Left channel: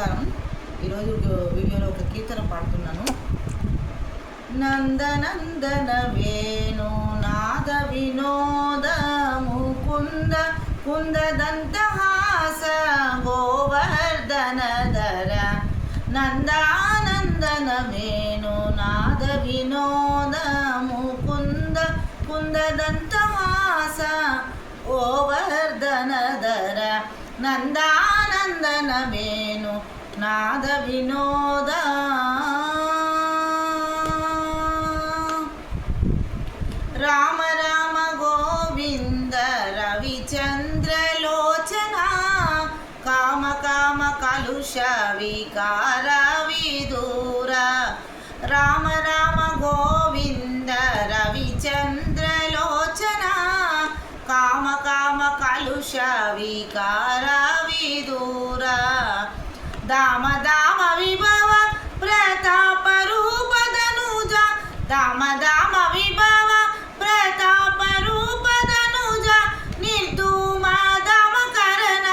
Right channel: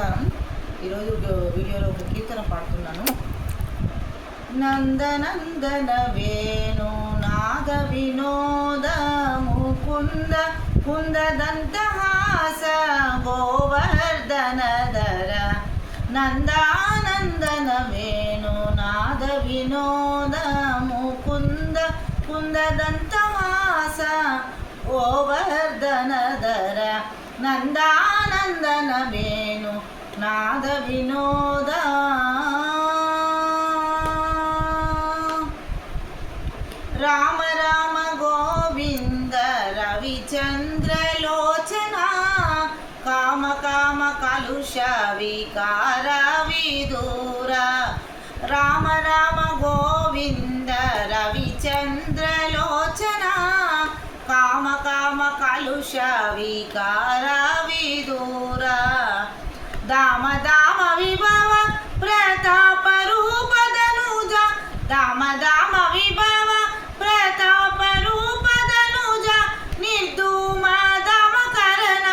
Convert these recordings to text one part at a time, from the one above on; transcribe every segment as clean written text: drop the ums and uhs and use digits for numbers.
నమస్కారం. ఈరోజు వీడియోలో ఒక కీర్తన పాడుతున్నాను. నందనందన వేణు నాద వినోద ముకుంద కుందదంతహాస గోవర్ధన ధర నందానందన వేణు నాద వినోద ముకుంద కుందదంతహాస గోవర్ధన ధర నందానందన వేణు నాద వినోద రామ రామ గోవింద రవిచంద్రలోచన కామ కామ కలుష వికార విదూర రామ రామ గోవింద రవిచంద్రలోచన కామ కామ కలుష వికార విదూర దామ దామ విభవ ప్రతాప రూపదనుజ దామ దామ విభవ ప్రతాప రూపదనుజ నిర్ధూమ దామ కరణ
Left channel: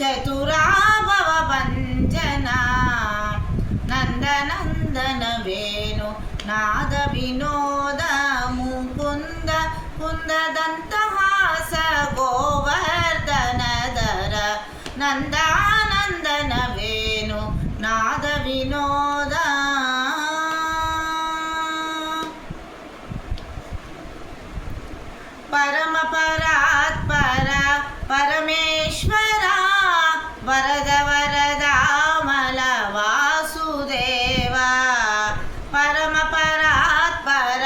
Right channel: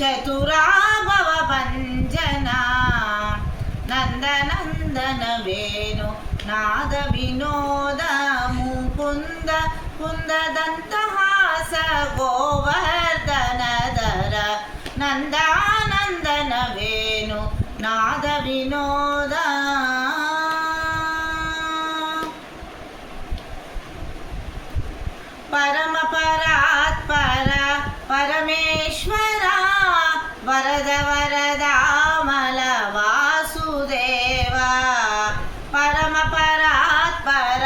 చతురా భవ భంజన నందనందన వేణు నాద వినోద ముకుంద కుందదంతహాస గోవర్ధన ధర నందానందన వేణు నాద వినోద పరమ పరాత్పర పరమేశ్వర వరద వరదామల వాసుదేవ పరమ పరాత్పర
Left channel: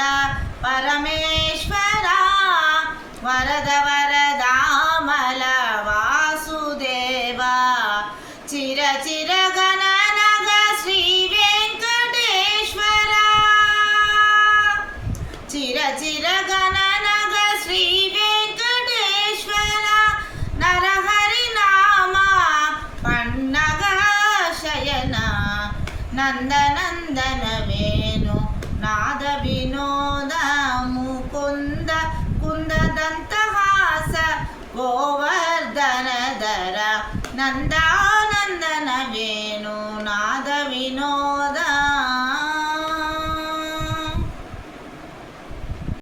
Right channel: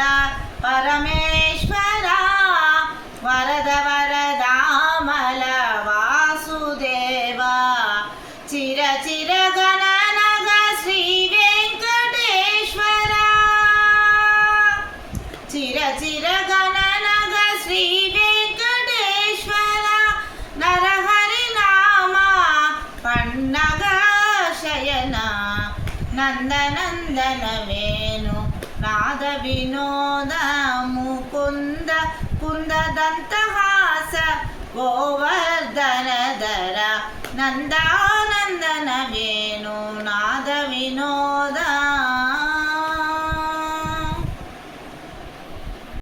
పరమేశ్వర వరద వరదామల వాసుదేవ చిర చిర గణనగ శ్రీ వెంకటేశ్వర చిర చిర గణనగ శ్రీ వెంకటేశ్వర నరహరి నామ పన్నగ శయన నందనందన వేణు నాద వినోద ముకుంద కుందదంతహాస గోవర్ధన ధర నందానందన వేణు నాద వినోద